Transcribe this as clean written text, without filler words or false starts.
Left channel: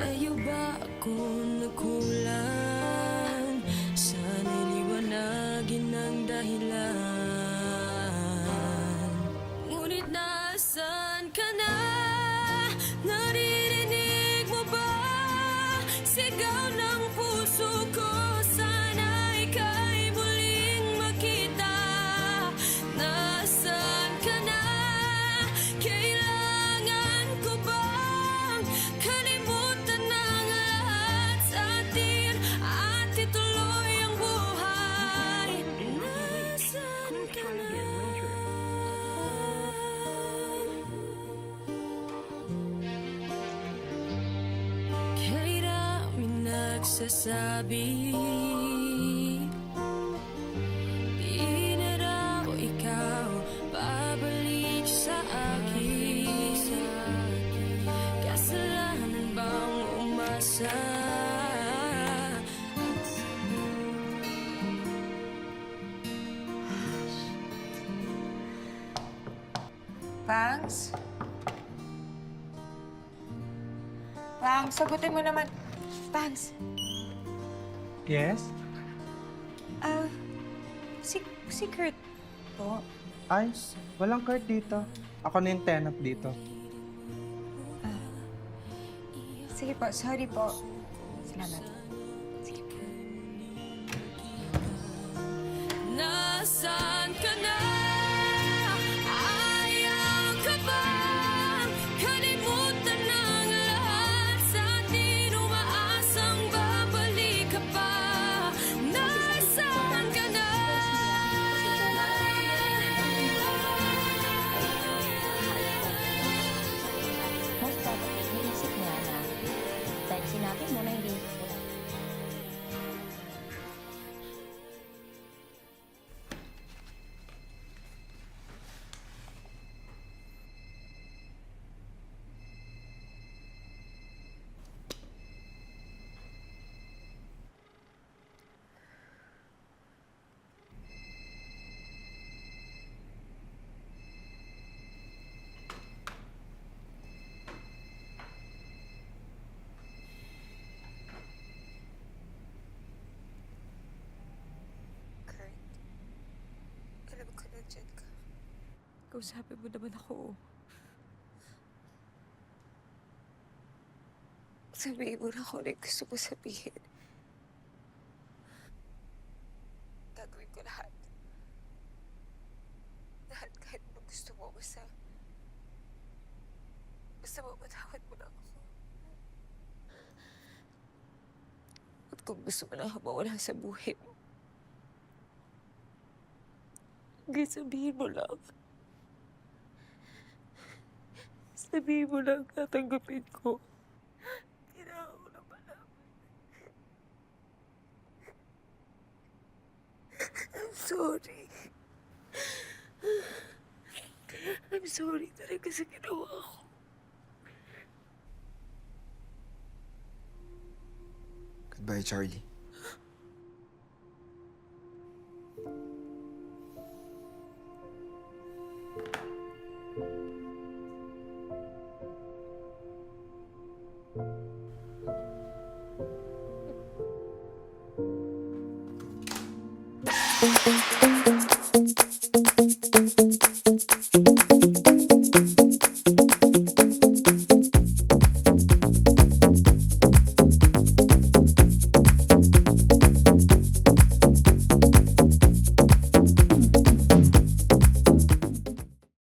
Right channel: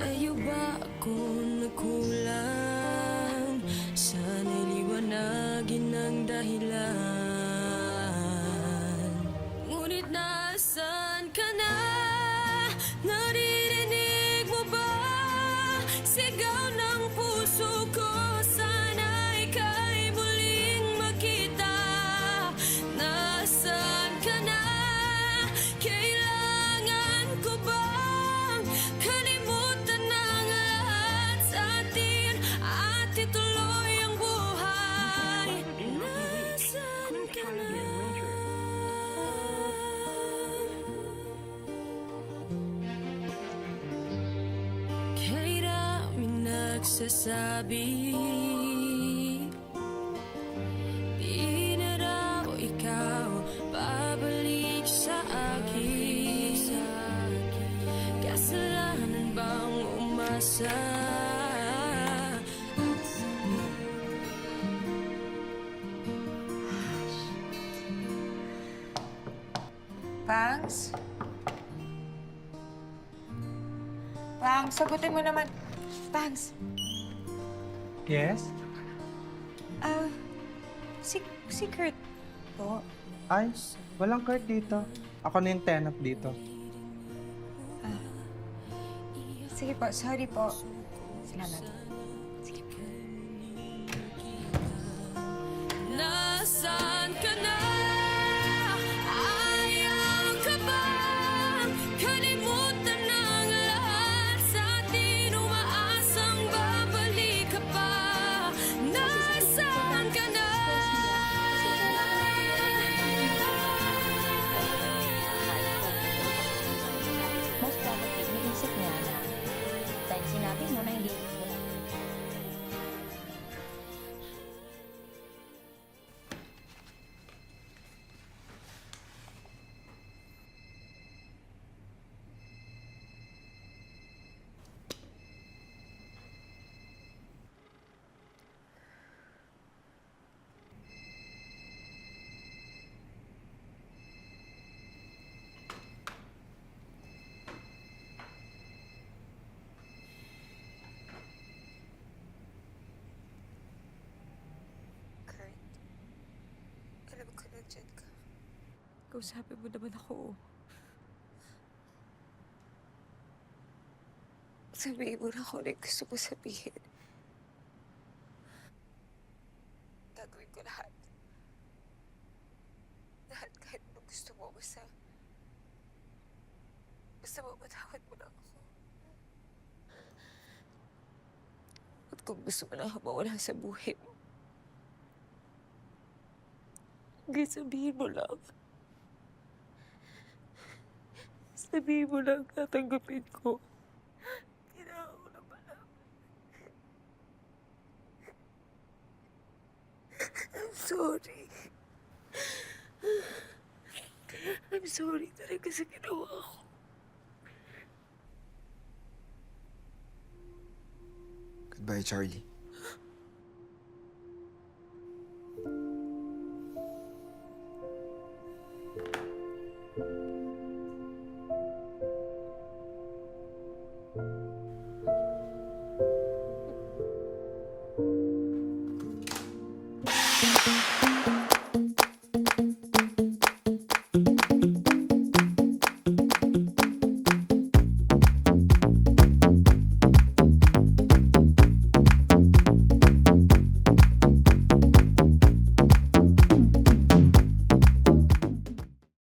Sa'yo ba ako nagkulang? Sana'y liwanagin ang dahilan. Ngunit nasaan ka na? Naririnig mo ba? Sigaw ng puso ko, sana ika'y muling makita. Nasaan ka na? Kailangan ko bang kalimutan ang lahat sa atin at ituloy ang buhay? Nasaan ka na? Kay daming nagsasabi di na raw ikaw babalik sa akin. Kasalanan bang umasa? Pangs? Pangs, sagutin mo naman. Pangs, Yes? si Kurt po. Ay, walang card dito. Ako na yung tenant dito. Sige po, sorry po. Salamat. Sige po. Nasaan ka na? Ayaw ka bang kalimutan ang lahat sa atin? Umaasang babalik ka pa. Nasaan ka na? Most probably, iniisip niya na dahil sinabi mo na hindi wala. Kurt, alam ko na dyan ka. Kausapin mo naman ako. Sabihin mo na kung ano yung gusto mo sabihin. Gagawin ko lahat. Lahat kahit ano gusto mo. Basta mapatawad mo lang ako. At kung gusto mo na ako mawala sa buhay mo, hanggang sabihin mo lang. Sabihin mo lang, tatanggapin ko. Kailangan ko na malaman. I'm sorry. I'm sorry talaga sa ginawa ko. Goodbye, Charlie. Thank you.